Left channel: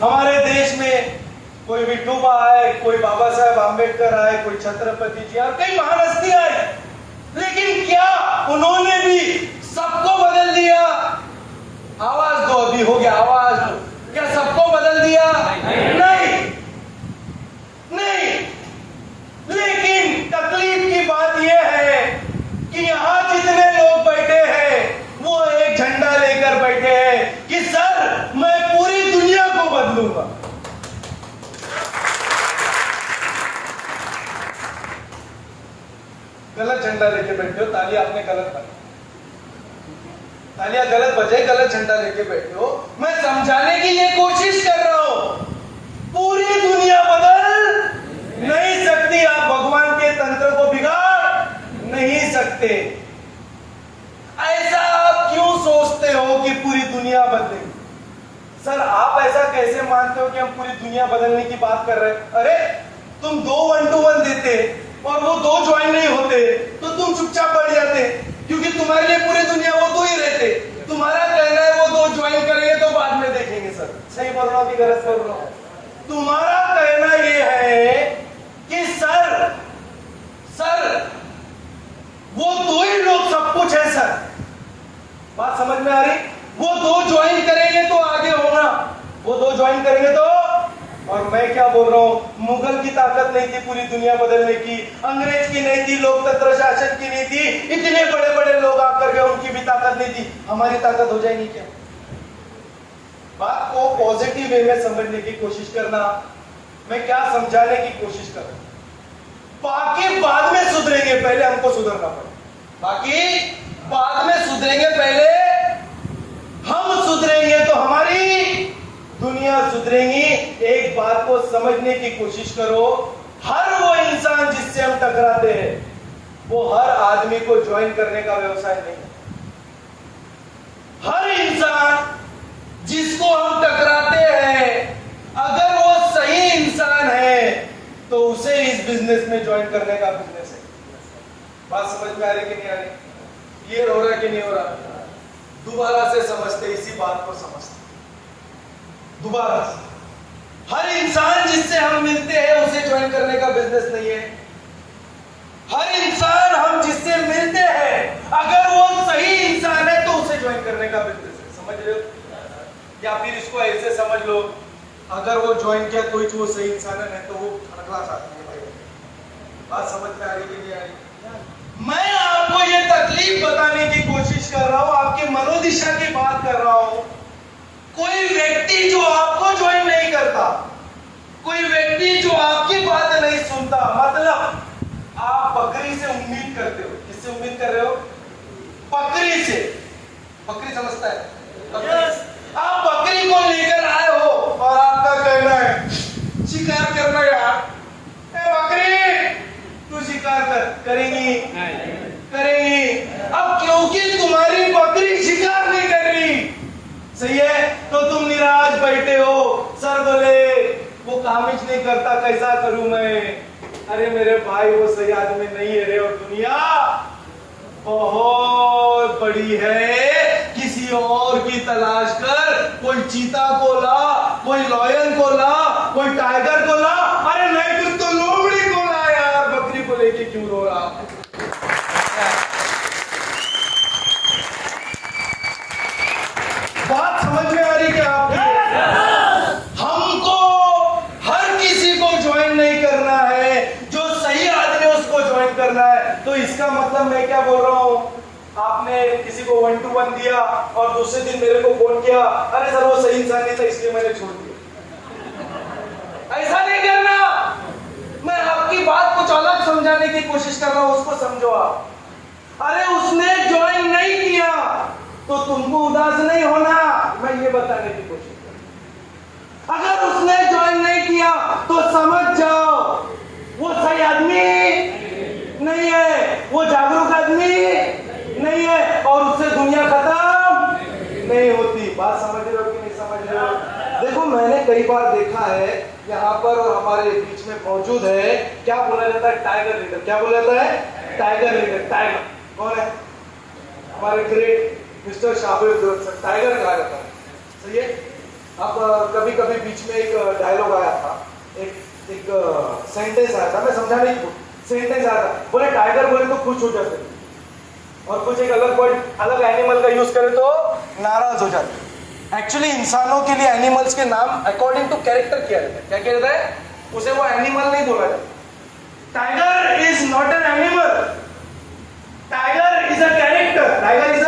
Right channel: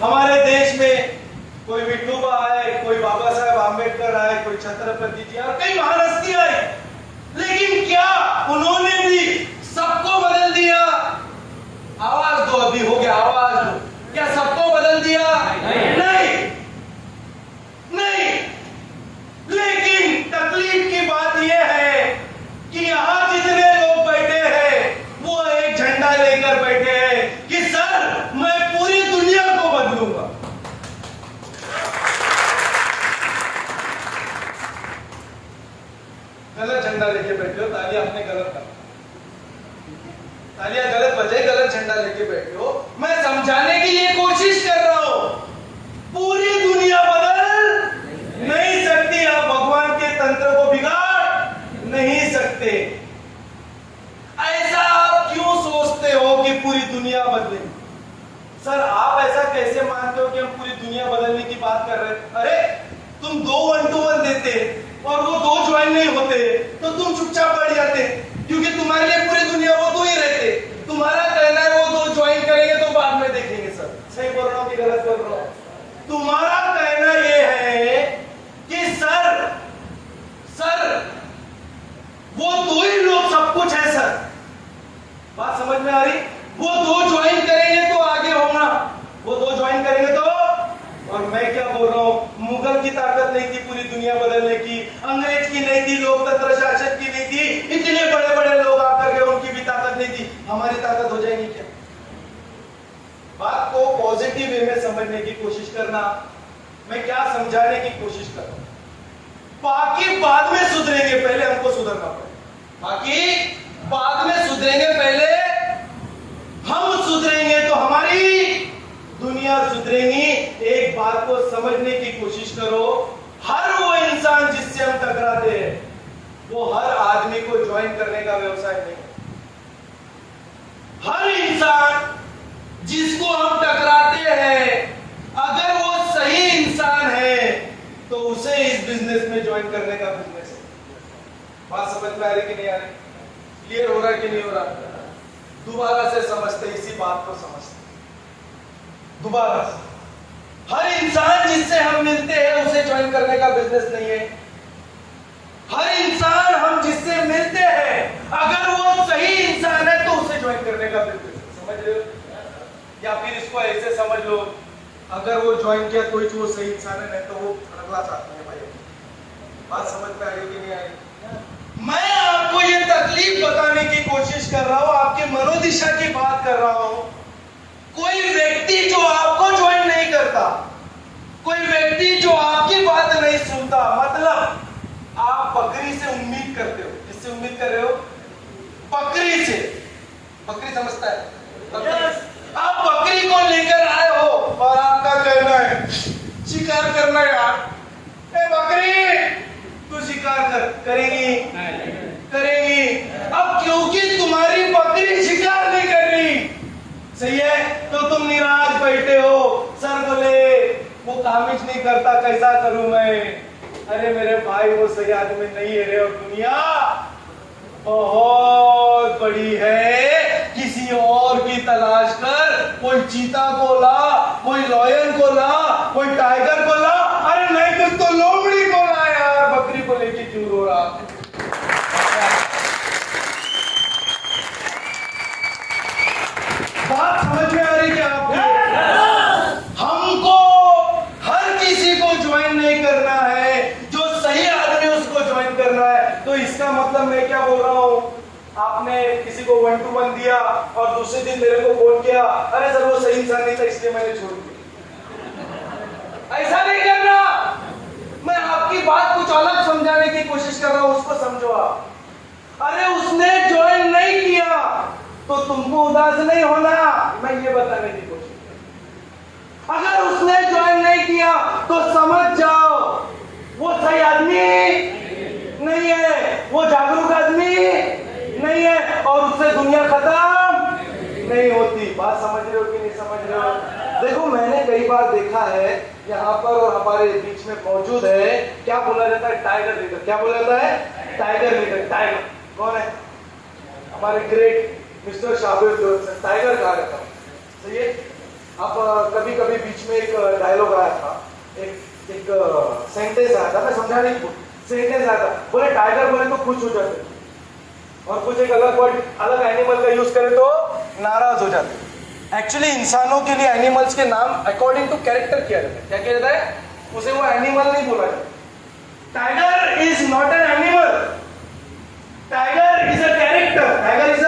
हमारे देश में कोई विठोबा आए, कोई बाबा साहब आम्बेडकर आए, कोई छत्रपति जी आए, कई महान हस्तियां आए, लेकिन क्या उन्होंने भी सबको बदल दिया? आवाज दो, अभी हो गया, आवाज दो। क्या सबको बदल दिया? नहीं, नहीं। लेकिन तकलीफ की बात यह है कि यहां जितने लोग बैठे हैं वो एक झंडा लेकर बैठे हैं कि सर मैं पूरी दुनिया को बदलूंगा। गलत झंडा लेके बैठे हो, ताली आपने गलत बजाई, तालियां गलत बजाई, गलत झंडा लेके बैठे हो। मैं समझाने की ये कोशिश कर रहा हूं, पूरी दुनिया बदल नहीं सकती, आप भगवान के तंत्र को बिगाड़ नहीं सकते। ऐसा आप क्यों सोचते हो कि पूरी दुनिया बदले? सर आप ऐसा कैसे मानते हो कि हम पूरी दुनिया बदलने की बात कर रहे हैं? अरे तुम 2 1-to-1 देते और वो 2 ज्वाइन नहीं होते तो तुम चुपचाप बैठ जाते, क्योंकि तुम्हारे लिए पूरी दुनिया वो 2 ही रहते। तुम्हारा कहना है वो 2 ज्वाइन करेंगे तो बाद में देखेंगे। सर सही बोल रहा हूं कि गलत बोल रहा हूं? तुम्हारा कहना ये है कि सर वो 2 ही लोग सब कुछ है। सर बात समझ में आ रही? वो 2 ज्वाइन करेंगे तो आगे होगा, वो 2 ज्वाइन करेंगे तो। और मैं क्या बोल रहा हूं, मुगल की ताकत नहीं थी पूरी दुनिया बदलने की, अंग्रेज की नहीं थी, लोकतंत्र शासन की नहीं थी, इतने बड़े बड़े लोग आकर के उनकी भी ताकत नहीं थी, हमारी ताकत हो जाएगी क्या? बात को पॉजिटिव वे में समझने की कोशिश करना। मैं क्या समझाने की कोशिश कर रहा हूं, बाकी बाद में सुधरेंगे, पहले हमको सुधरना पड़ेगा। बाकी बाद में सुधरेंगे, पहले हम सुधरेंगे तो हमारी दुनिया सुधरेगी। एक बात को समझने की कोशिश करो, हर वो इंसान जिससे हम टकराते हैं वो हर आदमी को ज्वाइन करने का व्यवसाय नहीं। हर इंसान जिसको हम टकराते हैं, अगर वो सही इंसान है तो उसे इस बिजनेस में ज्वाइन करने का बिजनेस है। बात समझ में आ रही कि नहीं आ रही? क्लियर हो रहा कि नहीं हो रहा? दोबारा से समझते, इसी बात को समझते दोबारा से। हर इंसान जिससे हम मिलते हैं उसे ज्वाइन करने का बिजनेस नहीं है। हर इंसान हम जिससे मिलते हैं, अगर वो सही इंसान है तो उसे ज्वाइन करने का बिजनेस है। समझ रहे हो? या फिर इसको ऐसे समझ लो, अगर वो ज्वाइन किया तो वो सही इंसान है, नहीं तो वो अगला साथी है भाई। बात समझ में आ रही कि नहीं आ रही? मैं आपको ये तकलीफ बताने की कोशिश कर रहा हूं, आपके मनोदिशा की बात कर रहा हूं। कोई व्यक्ति जो आपको ज्वाइन नहीं करता, कोई व्यक्ति जो आपकी बात नहीं सुनता, मतलब आप बकरी से उम्मीद करते हो। किससे उम्मीद कर रहे हो? बकरी से। बकरी समझता है? बकरी। आप बकरी को लेकर आए हो और आपका कहना है शिकार करना यार। ए बकरी तू शिकार करेगी? करेगी। अब क्योंकि तुम्हारी बकरी शिकार नहीं कर रही, सही है, तो तुम निराश बैठे हो। सर बोले वो कामिज नहीं करता, कैसा करूं मैं? अरे मेरे भाई वो सही आदमी नहीं है रे, और दुनिया बहुत बड़ी है, किसी और की तलाश कर। कोई चीता को ला, कोई लॉयन को ला, कोई टाइगर को ला, अरे नहीं कुछ तो लोमड़ी को ला यार, बकरी को लेके क्यों रो रहा? बात समझ में आ रही क्या आपको? हमको हर किसी को ज्वाइन नहीं करना है, जो सही आदमी उसको ज्वाइन करना है। तो इसका मतलब मैं क्या बोल रहा हूं, आपने किसी को 1-to-1 दिया और दूसरे दिन मेरे को फोन किया, अरे सर वो सही इंसान नहीं था इसलिए मैंने छोड़ दिया। ऐसा नहीं करना। मैं आपकी बात कुछ अलग समझाने की कोशिश कर रहा हूं, उसको समझो आप। अरे उसने ज्वाइन नहीं किया तो तुमको उदास नहीं होना, मैं ये बताने की कोशिश कर। अगर उसने ज्वाइन नहीं किया तो समझ जाओ वो सही आदमी नहीं है, वो जागरूक आदमी नहीं है, और उससे दुनिया खत्म नहीं होती। बात समझ रहे हो कि नहीं समझ रहे हो? देखो मैंने कई बार देखा है यहाँ पर और हमारे बीच में मौजूद है, क्या बोला जाता है? Tiger leader. क्या बोला जाता है? Tiger leader. टाइगर कौन है? हमारे ग्रेट मिस्टर शाबिर टाइगर कहा जाता है, सही है। अब कभी कभी बीच में एक डायलॉग आया था, एक सेंटेंस आया था, मैं समझाने की सेंटेंस आया था, बोले टाइगर बोले तो खुश हो जाते, और कुछ एक अलग वर्ड अलग एनिमल का यूज करे तो नाराज हो जाते। एक्चुअली इंसानों के लिए एनिमल्स के नाम अकॉर्डिंग टू कैरेक्टर किया जाता है। क्या किया जाता है? उसे वो एनिमल नहीं बोला जाता। Tiger is not an animal, tiger is a character, tiger is a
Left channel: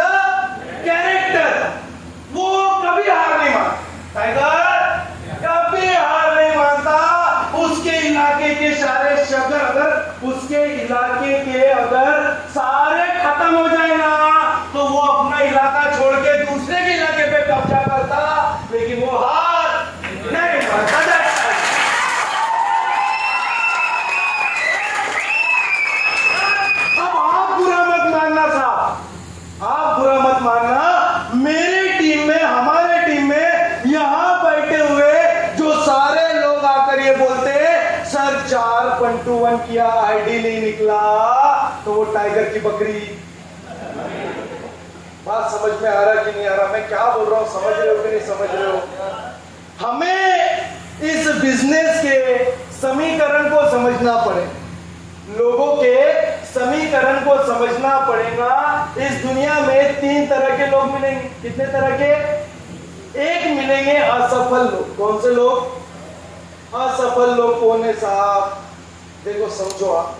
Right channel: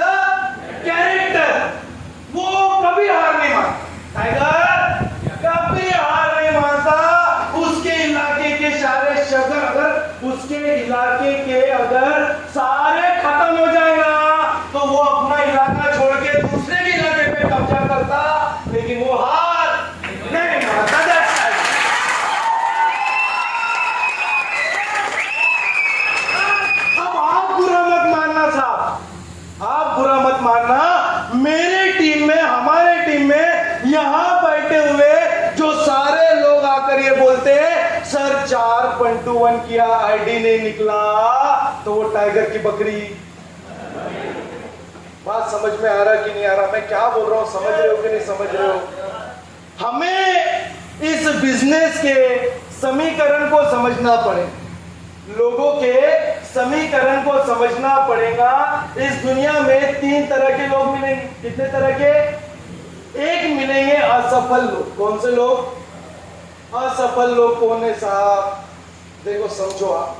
character. वो कभी हार नहीं मानता, टाइगर कभी हार नहीं मानता। उसके इलाके के सारे शब्द अगर उसके इलाके के अगर सारे खत्म हो जाए ना, तो वो अपना इलाका छोड़ के दूसरे के इलाके पे कब्जा करता, लेकिन वो हार नहीं मानता। अब आप बुरा मत मानना साहब, आप बुरा मत मानना। मेरी टीम में, हमारे टीम में यहां बैठे हुए जो सारे लोग आकर ये बोलते हैं सर 4.1 किया आईडी नहीं निकला, तो वो टाइगर की बकरी। बात समझ में आ रहा कि नहीं आ रहा? मैं क्या बोल रहा हूं, समझ रहे हो कि नहीं समझ रहे हो? हमें इस बिजनेस के समीकरण को समझना पड़े, लोगों के समीकरण को समझना पड़ेगा। इस दुनिया में 3 तरह के लोग मिलेंगे। कितने तरह के? एक मिलेंगे असफल लोग। कौन से लोग? असफल लोग कौन है साहब? देखो समझो आप,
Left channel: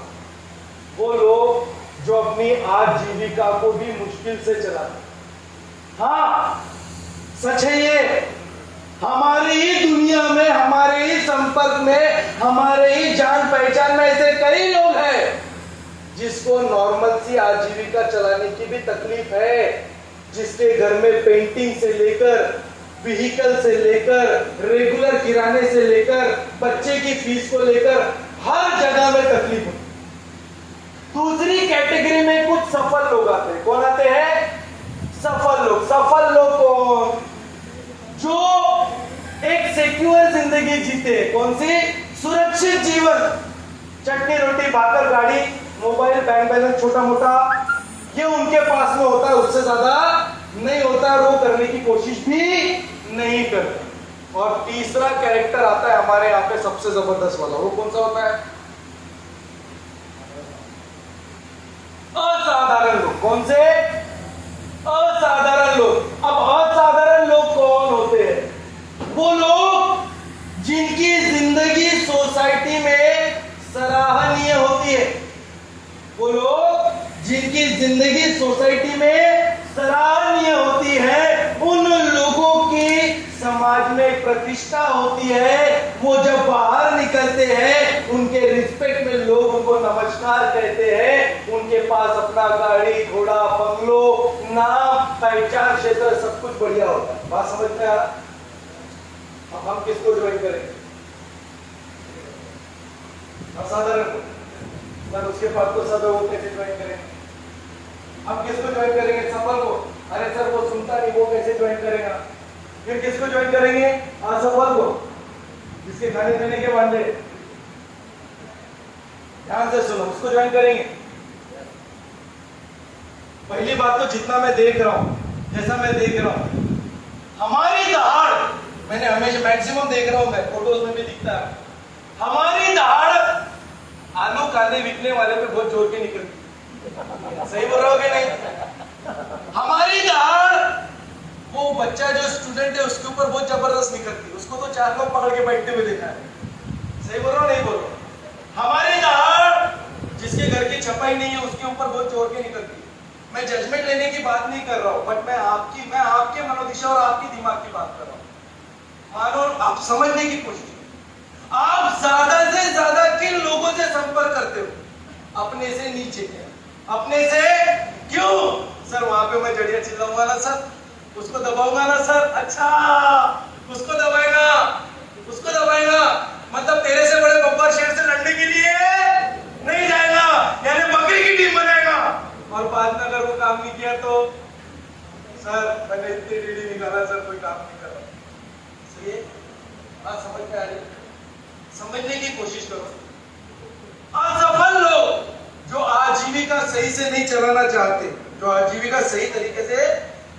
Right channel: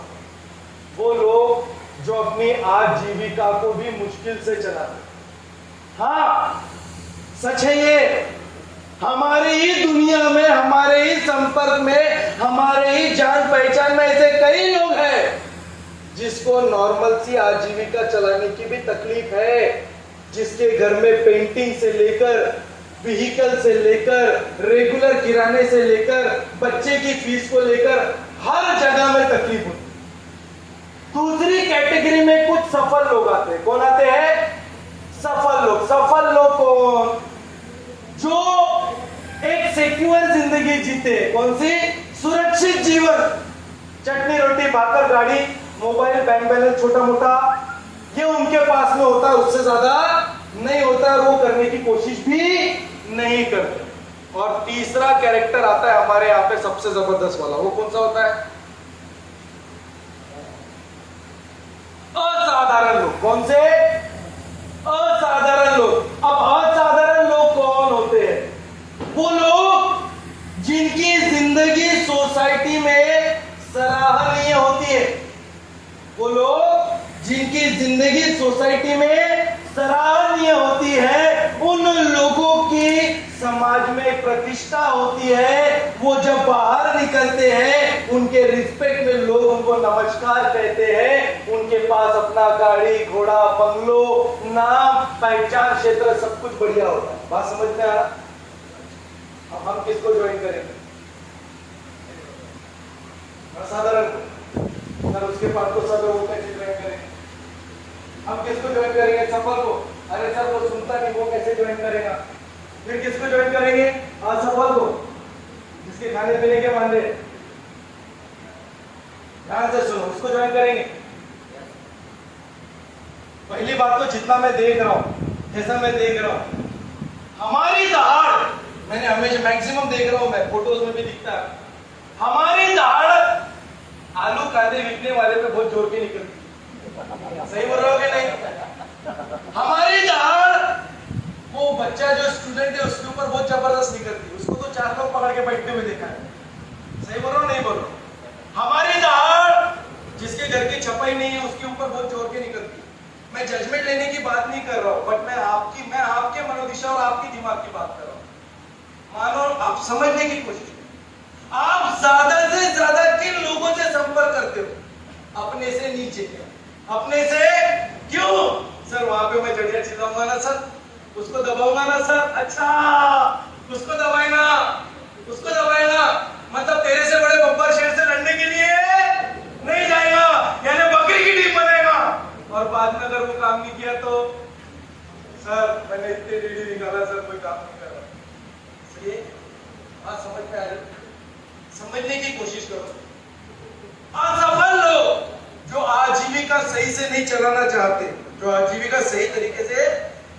वो लोग जो अपनी आजीविका को भी मुश्किल से चलाते। हाँ सच है ये, हमारी ही दुनिया में, हमारे ही संपर्क में, हमारे ही जान पहचान में ऐसे कई लोग हैं जिसको नॉर्मल सी आजीविका चलाने की भी तकलीफ है, जिसके घर में पेंटिंग से लेकर, व्हीकल से लेकर, रेगुलर किराने से लेकर, बच्चे की फीस को लेकर हर जगह में तकलीफ होती। दूसरी कैटेगरी में कुछ सफल लोग आते हैं। कौन आते हैं? सफल लोग। सफल लोग कौन? जो एक सिक्योर जिंदगी जीते। कौन सी? सुरक्षित जीवन। चटनी रोटी भाकर गाड़ी, मोबाइल, बैंक बैलेंस छोटा मोटा, ये उनके पास में होता है, उससे ज्यादा नहीं होता है, वो करने की कोशिश भी नहीं करते। और तीसरा कैरेक्टर आता है हमारे यहाँ पे सबसे जबरदस्त वाला। वो कौन सा होता है? असाधारण लोग। कौन से? असाधारण लोग। अब असाधारण लोग कौन होते हैं? वो लोग जिनकी जिंदगी सोसाइटी में सराहनीय होती है। वो लोग जिनकी जिंदगी सोसाइटी में सराहनीय होती है, उन लोगों की समाज में प्रतिष्ठा होती है। वो जब बाहर निकलते हैं, उनके रिस्पेक्ट में लोग उनको नमस्कार कहते हैं। उनके पास अपना गाड़ी, घोड़ा, बंगलो, नाम, पहचान, क्षेत्र सब कुछ बढ़िया होता है। बात समझ में आ रहा? अब हम किसको ज्वाइन करेंगे? असाधारण। सर उसके बाद तो सब लोग कैसे ज्वाइन करेंगे? हम किसको ज्वाइन करेंगे? सफल को। अरे सर वो सुनता नहीं, वो कैसे ज्वाइन करेगा? फिर किसको ज्वाइन करेंगे? असफल को, जिसके खाने पीने के वादे। ध्यान से सुनो, उसको ज्वाइन करेंगे। पहली बात तो जितना मैं देख रहा हूं, जैसा मैं देख रहा हूं, हमारी दहाड़, मैंने हमेशा मैक्सिमम देख रहा हूं, मैं फोटोज में भी दिखता है, हमारी दहाड़ आलू कांदे बिकने वाले पे बहुत जोर के निकलती। सही बोल रहे हो कि नहीं? हमारी दहाड़ वो बच्चा जो स्टूडेंट है उसके ऊपर बहुत जबरदस्त निकलती है। उसको तो 4 लोग पकड़ के बैठते हुए देखा है। सही बोल रहा हूं नहीं बोल रहा? हमारी दहाड़ जिसके घर की छपाई नहीं है उसके ऊपर बहुत जोर के निकलती है। मैं जजमेंट लेने की बात नहीं कर रहा हूं, बट मैं आपके मनोदिशा और आपकी दिमाग की बात कर रहा हूं। मानो आप समझने की कोशिश, आप ज्यादा से ज्यादा किन लोगों से संपर्क करते हो? अपने से नीचे। अपने से क्यों? सर वहां पे मैं जड़िया चिल्लाऊंगा ना सर, उसको दबाऊंगा ना सर। अच्छा उसको दबाएगा, उसको दबाएगा, मतलब तेरे से बड़े बब्बर शेर से लड़ने के लिए नहीं जाएगा, यानी बकरी की टीम बनाएगा। और बाद में अगर वो काम नहीं किया तो सर मैंने इतने डीडी निकाला सर, कोई काम नहीं कर रहा। इसलिए आप समझ में आ रही? समझने की कोशिश करो। असफल लोग जो आजीविका सही से नहीं चलाना चाहते, जो आजीविका सही तरीके से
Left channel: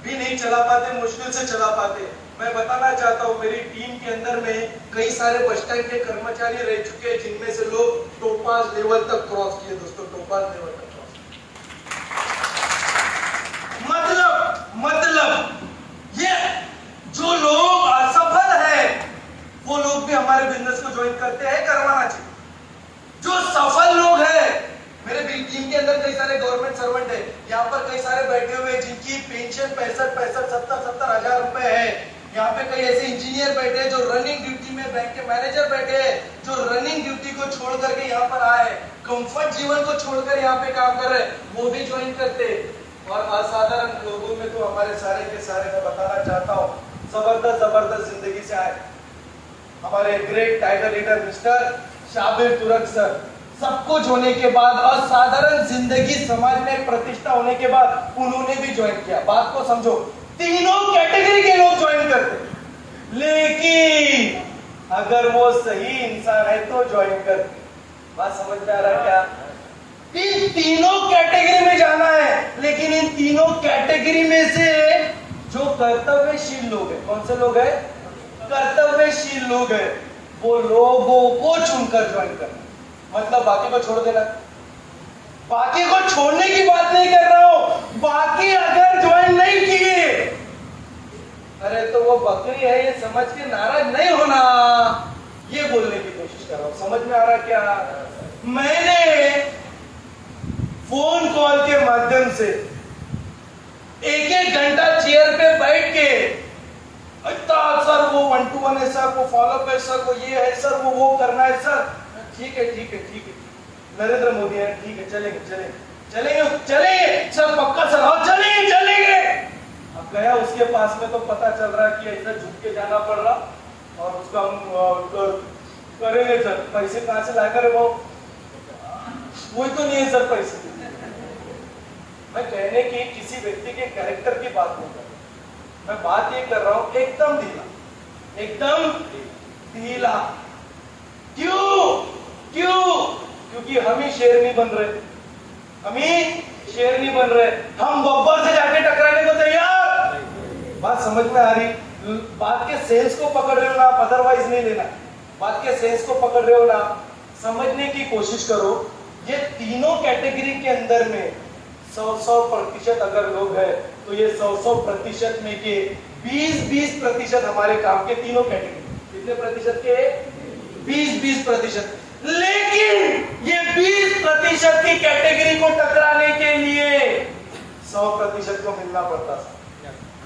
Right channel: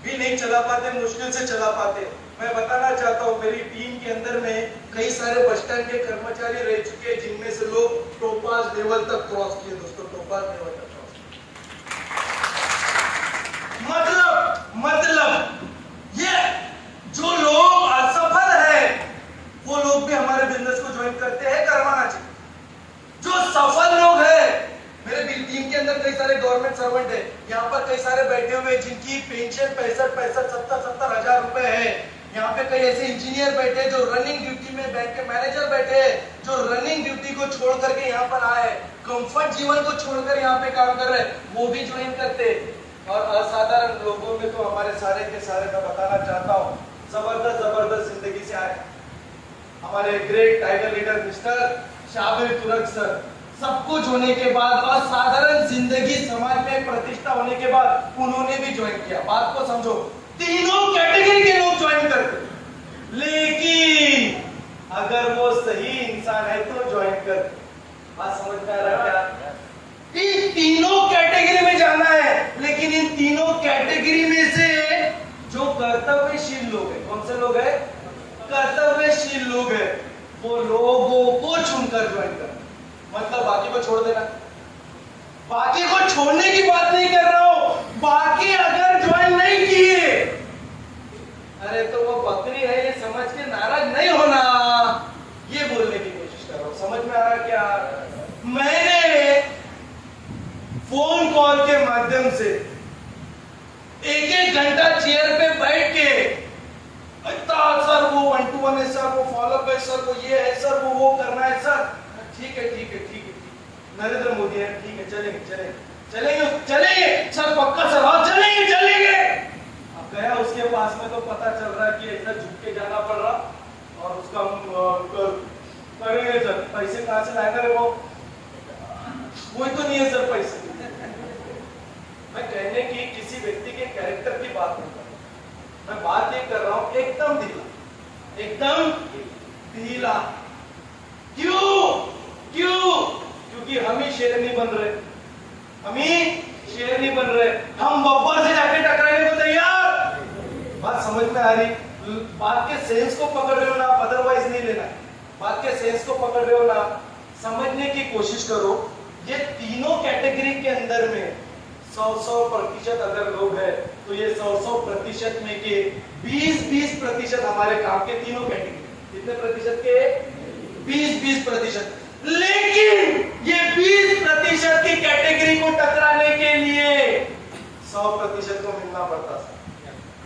भी नहीं चला पाते, मुश्किल से चला पाते, मैं बताना चाहता हूँ मेरी टीम के अंदर में कई सारे बस स्टैंड के कर्मचारी रह चुके हैं जिनमें से लोग टोपाज लेवल तक क्रॉस किए दोस्तों, टोपाज लेवल तक क्रॉस किए। मतलब ये जो लोग असफल है वो लोग भी हमारे बिजनेस को ज्वाइन करते हैं, करवाना चाहिए। जो सफल लोग हैं, मेरे टीम के अंदर कई सारे गवर्नमेंट सर्वेंट है, यहाँ पर कई सारे बैठे हुए जिनकी पेंशन 65 हजार रुपए है। यहाँ पे कई ऐसे इंजीनियर बैठे हैं जो रनिंग ड्यूटी में, बैंक के मैनेजर बैठे हैं जो रनिंग ड्यूटी को छोड़ करके यहाँ पर आए, कंफर्ट जीवन को छोड़कर यहाँ पे काम कर रहे हैं, वो भी ज्वाइन करते। और असाधारण लोगों में तो हमारे सारे के सारे मैं बताना चाहता हूँ जबरदस्त जिंदगी से आए हमारे great tiger leader mister Shabir Turk sir. सब कुछ होने के बाद, असाधारण जिंदगी, समाज में प्रतिष्ठा होने के बाद उन्होंने भी ज्वाइन किया। बात को समझो, तीनों कैटेगरी के लोग ज्वाइन करते, लेकिन अगर वो सही इंसान है तो ज्वाइन करते। बात समझ में आ रहा है क्या? इन तीनों कैटेगरी में जाना है, लेकिन इन तीनों कैटेगरी में से जो कर्तव्यशील लोग हैं, कौन से लोग हैं? कर्तव्यशील लोग हैं, वो लोगों को चुनकर ज्वाइन करना। मतलब बाकी को छोड़ देना, बाकी को छोड़ने की बात नहीं कर रहा हूं। बाकी अगर ज्वाइन नहीं किए, अरे तो वो बकरी है ये समझ के नाराज नहीं होना, ये बोलने की कोशिश कर रहा हूं। समझ में आ रहा क्या? मैंने फोन कॉल के माध्यम से एक घंटा चेयर पे बैठ के सर वो 1 to 1 है सर, वो फॉलोअप है सर, वो ये है सर, वो करना है सर। ठीक है नरेंद्र मोदी है, ठीक है चलेंगे सर, पक्का सर, हाँ चलेंगे। अब गया उसके पास में तो पता चल रहा है कि ऐसा झुक के जाना पड़ रहा, और उसका करेंगे सर, पैसे कहां से लाएगा रे वो, वही तो नहीं है सर पैसे। मैं कहने की किसी व्यक्ति के कैरेक्टर की बात नहीं कर रहा, मैं बात ये कर रहा हूं एकदम ढीला। क्योंकि हम ही शेर नहीं बन रहे, हम बब्बर से जाके टकराने को तैयार। बात समझ में आ रही? बात के सेंस को पकड़ रहे हो ना, अदरवाइज नहीं लेना। बात के सेंस को पकड़ रहे हो ना, समझने की कोशिश करो। ये तीनों कैटेगरी के अंदर में 100% अगर लोग हैं तो ये 100% में के 20% हमारे काम के, तीनों कैटेगरी कितने प्रतिशत के? 20%। लेकिन ये 20% की कैटेगरी को टकराने के लिए 100% को मिलना पड़ता है।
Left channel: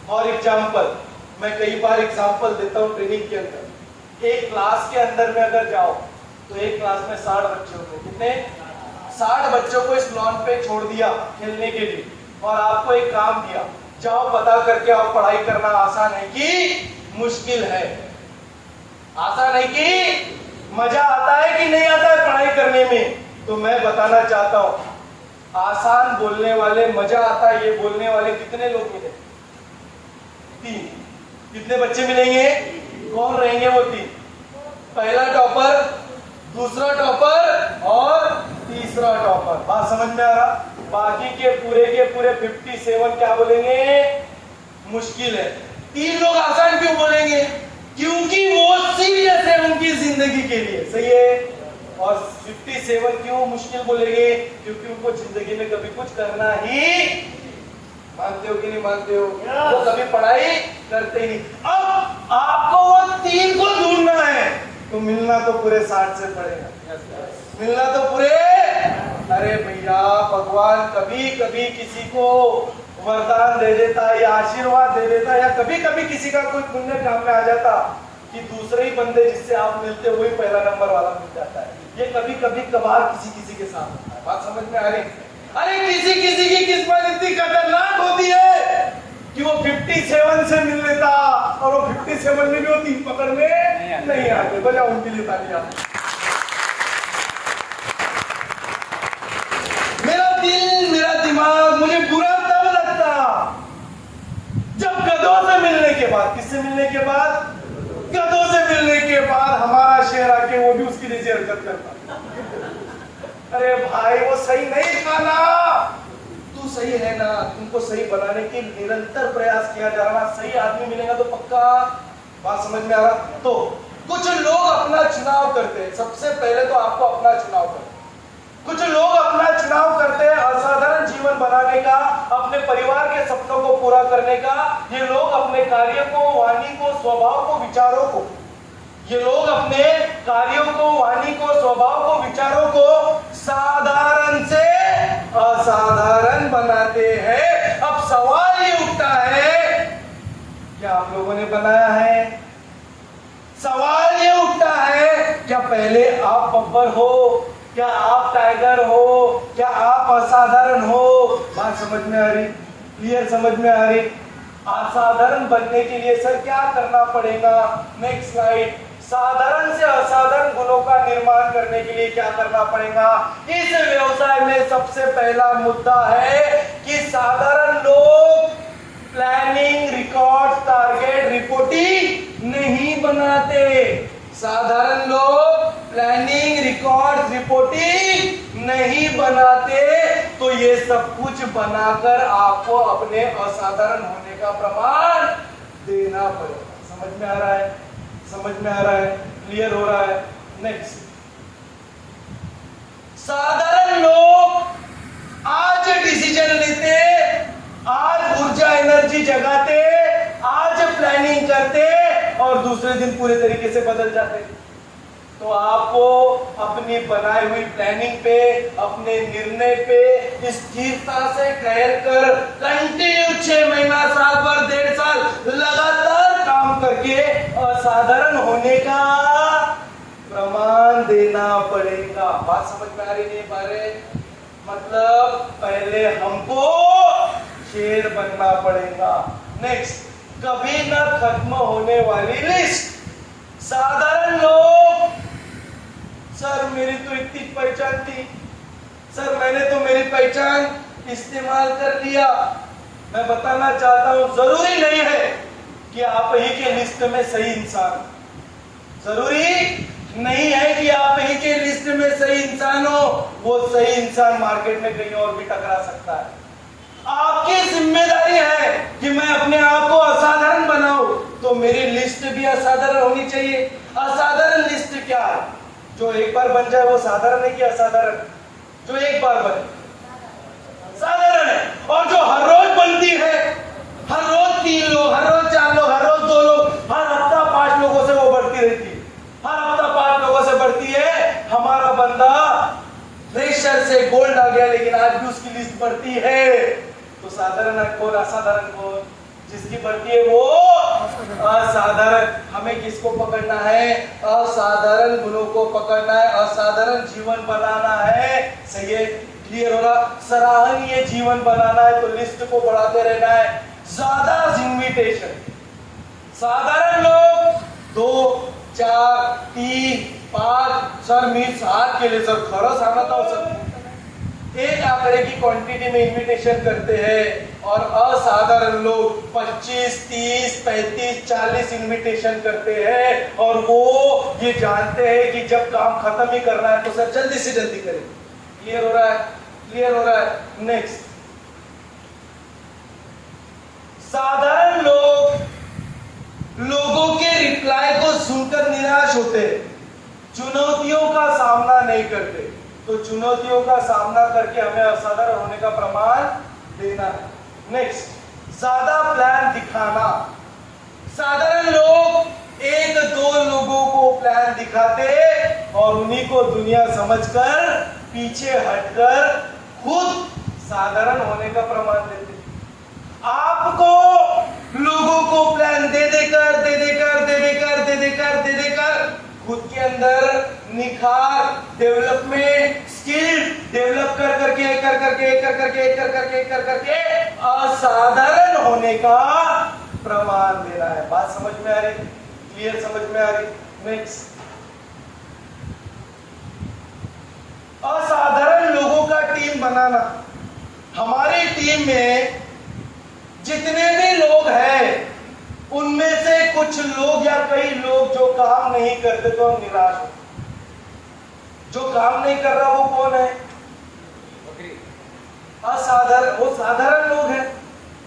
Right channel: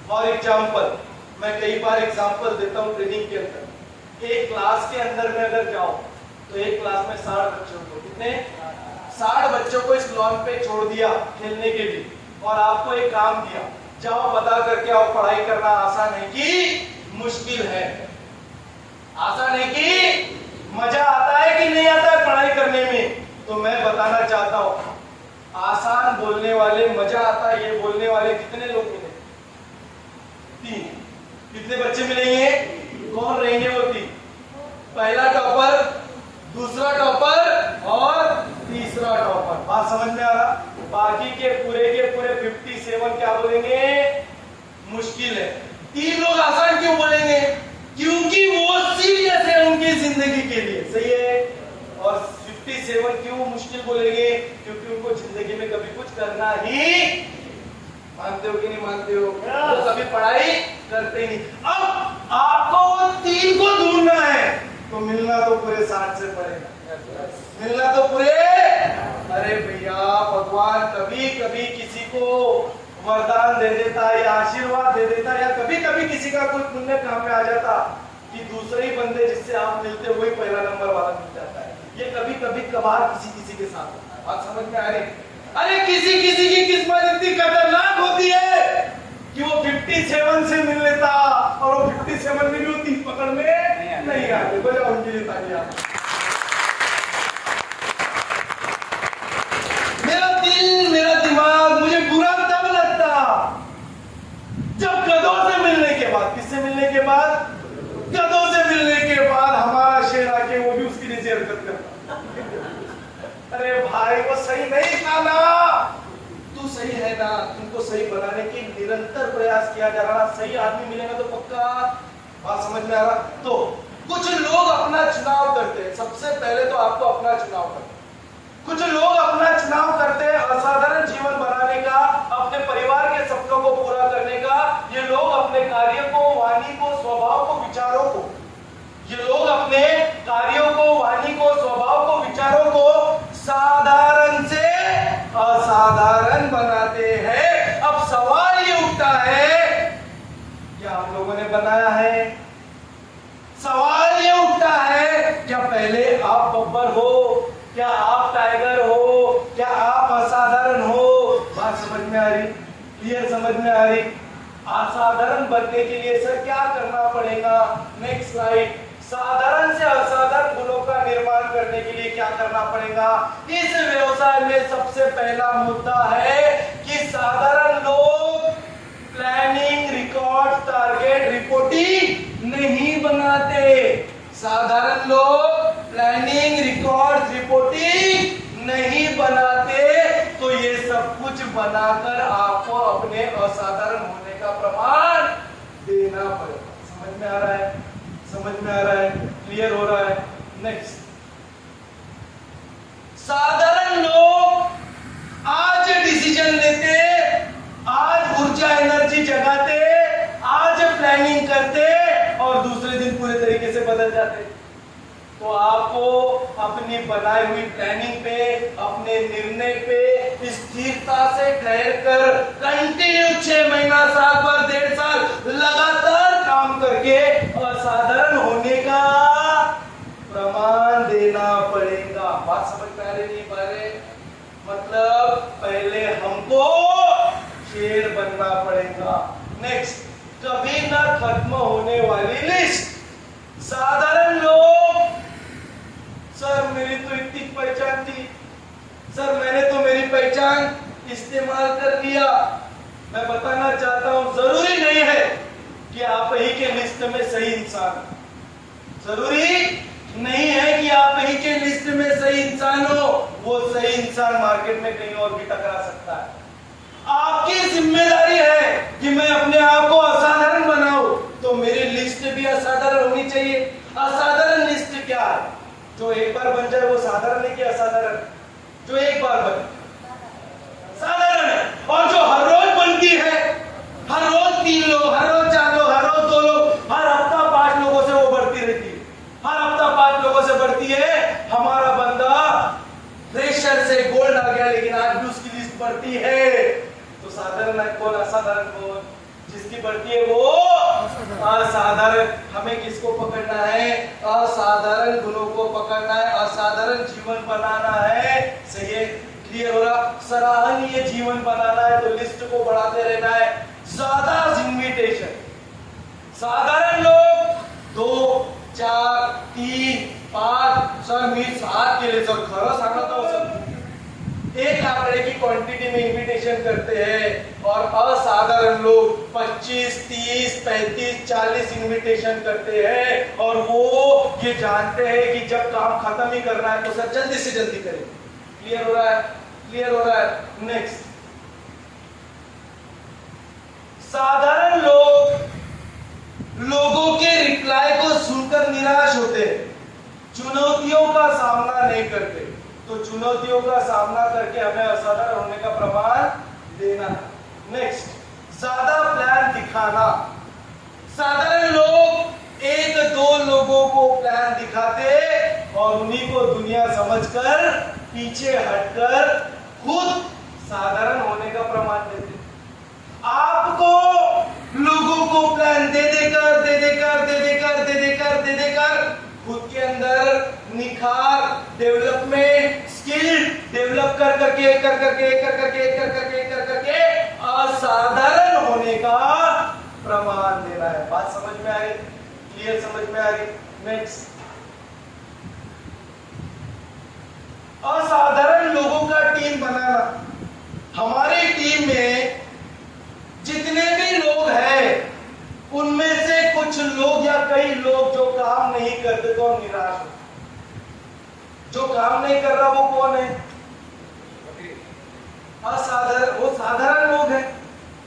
फॉर एग्जाम्पल, मैं कई बार एग्जाम्पल देता हूँ ट्रेनिंग के अंदर। एक क्लास के अंदर में अगर जाओ तो एक क्लास में 60 बच्चों को, कितने? 60 बच्चों को इस लॉन पे छोड़ दिया खेलने के लिए, और आपको एक काम दिया, जाओ पता करके आओ पढ़ाई करना आसान है कि मुश्किल है, आसान है कि मजा आता है कि नहीं आता है पढ़ाई करने में। तो मैं बताना चाहता हूं, आसान बोलने वाले, मजा आता है ये बोलने वाले कितने लोग मिले? 3। कितने बच्चे मिलेंगे? कौन रहेंगे वो 3? पहला टॉपर, दूसरा टॉपर और तीसरा टॉपर। बात समझ में आ रहा? बाकी के पूरे 57 क्या बोलेंगे? मुश्किल है। 3 लोग आसान क्यों बोलेंगे? क्योंकि वो सीरियस है उनकी जिंदगी के लिए, सही है। और 57 क्यों मुश्किल बोलेंगे? क्योंकि उनको जिंदगी में कभी कुछ करना ही, मानते हो कि नहीं मानते हो? वो कभी पढ़ाई करते ही नहीं। अब आपको वो 3 को ढूंढना है तो मिलना तो पूरे 60 से पड़ेगा, मिलना तो पूरे। अरे भैया, भगवान कभी कभी किसी को वरदान दे देता है या आशीर्वाद दे देता है, या कभी कभी किसी का कोई पुण्य काम में आ जाता कि दूसरे ही बंदे जिससे आप मिलते हुए पहला नंबर वाला मिल जाता है। ये कभी कभी कभार किसी के साथ होता है। बात समझ में आ रही? अरे किसी की किस्मत इतनी खतरनाक होती है कि वो 57 से मिल लेता, और वो 57 में भी वो 3 पकड़ में नहीं आते। बजाओ उनके लिए तालियां। मेरा दिल, मेरा दिमाग, मुझे बुरा तब लगता जब गधों से मिलने के बाद, किससे मिलने के बाद? गधों से मिलने के बाद हमारा शेर आके वो भी उसकी जैसी हरकत करता। अरे भाई वो सही नहीं खाना, तू सही है ना, तुमको सही बनाने के निरंतर प्रयास किया जा रहा, सही आदमी मिलेगा तो पक्का। बात समझ में आ रहा? तो कुछ लोग अपना चुनाव करते हैं, सबसे पहले तो आपको अपना चुनाव करना। कुछ लोग अपना चुनाव करते हैं असाधारण जीवन बनाने का, अपने परिवार के सपनों को पूरा करने का। ये लोग अपने कार्य को, वाणी को, स्वभाव को, विचारों को, ये लोग अपने कार्यों को, वाणी को, स्वभाव को, विचारों को साधारण से असाधारण बनाते हैं। अब सवाल ये उठता है, क्या आप लोगों ने बनाया है? सवाल ये उठता है, क्या पहले आप बब्बर हो? क्या आप टाइगर हो? क्या आप असाधारण हो? बात समझ में आ रही? क्लियर समझ में आ रही? असाधारण बनने के लिए सर क्या करना पड़ेगा? Next slide. साधारण से असाधारण गुणों का निर्माण करने के लिए क्या करना पड़ेगा? इस व्यवसाय में सबसे पहला मुद्दा है कि साधारण लोग प्लानिंग, रिकॉर्ड, टारगेट, रिपोर्टिंग नहीं बनाते। साधारण लोग प्लानिंग, रिकॉर्ड, रिपोर्टिंग नहीं बनाते। तो ये सब कुछ बनाकर आपको अपने असाधारण होने का प्रमाण देना पड़ेगा। समझ में आ रहा है? समझ में आ रहा है? क्लियर हो रहा है? नेक्स्ट, साधारण लोग आज डिसीजन लेते, आज ऊर्जा एनर्जी जगाते, आज प्लानिंग करते और दूसरे दिन पूरे तरीके से बदल जाते। तो आपको अपनी बनाई हुई प्लानिंग पे, अपने निर्णय पे स्थिरता से ठहर कर कंटिन्यू 6 महीना, साल भर, 1.5 साल लगातार काम करके असाधारण होने का प्रमाण देना पड़ेगा। बात समझ में आ रही नहीं? बारे मतलब पहले हमको शेर बनना पड़ेगा। नेक्स्ट, कभी ना खत्म होने वाली लिस्ट। साधारण लोग, सर मेरी तो इतनी पहचान थी, सर मैंने तो मेरी पहचान इस्तेमाल कर लिया। मैं बताना चाहता हूं, जरूरी नहीं है कि आप ही के लिस्ट में सही इंसान, जरूरी नहीं है कि आप ही के लिस्ट में सही इंसान हो। वो सही इंसान मार्केट में कहीं और भी टकरा सकता है। आपकी जिम्मेदारी है कि मैं अपने आप को असाधारण बनाऊं, तो मेरी लिस्ट भी असाधारण होनी चाहिए। असाधारण लिस्ट क्या है? जो एक बार बन जाए वो साधारण है कि असाधारण? जो एक बार बने साधारण है, और जो हर रोज बनती है, हर रोज 3 लोग, हर रोज 4 लोग, हर रोज 2 लोग, हर हफ्ता 5 लोगों से वो बढ़ती रहती है, हर हफ्ता 5 लोगों से बढ़ती है। हमारा बंदा प्रेशर से गोल्ड आ गया, लेकिन आज भी उसकी लिस्ट बढ़ती है। तो साधारण है कौन? असाधारण कौन? जिसकी बढ़ती है वो असाधारण। हमें किसको पकड़ना है? असाधारण गुणों को पकड़ना है, असाधारण जीवन बनाना है। सही है? क्लियर हो रहा? सराहनीय जीवन बनाना है तो लिस्ट को बढ़ाते रहना है। ज्यादा इन्विटेशन। साधारण लोग 2, 4, 3, 5, सर मी 7 केले सर, खरं सांगत आहो सर, एक आंकड़े की क्वांटिटी में इन्विटेशन करते हैं। और असाधारण लोग 25, 30, 35, 40 इन्विटेशन करते हैं। और वो ये जानते हैं कि जब काम खत्म ही करना है तो सर जल्दी से जल्दी करें। क्लियर हो रहा है? क्लियर हो रहा है? नेक्स्ट, साधारण लोग लोगों के रिप्लाई को सुनकर निराश होते हैं, चुनौतियों का सामना नहीं करते। तो चुनौतियों का सामना करके हमें असाधारण होने का प्रमाण देना है। नेक्स्ट, ज्यादा प्लान दिखाना। साधारण लोग 1-2 लोगों को प्लान दिखाते और उन्हीं को दुनिया समझकर पीछे हटकर खुद साधारण होने का प्रमाण देते। आपको लोगों को प्लान दे देकर खुद के अंदर निखार, डेवलपमेंट, स्किल डेवलप कर करके असाधारण होने का प्रमाण देना है। बात समझ में आ रही? क्लियर समझ में आ रही? नेक्स्ट, असाधारण लोगों का टीम बनाना। हमारी टीम में जितने भी लोग हैं उनमें से कुछ लोग या कई लोग जो काम नहीं करते तो हम निराश होते। जो काम नहीं कर रहा वो कौन है? असाधारण, वो साधारण लोग हैं,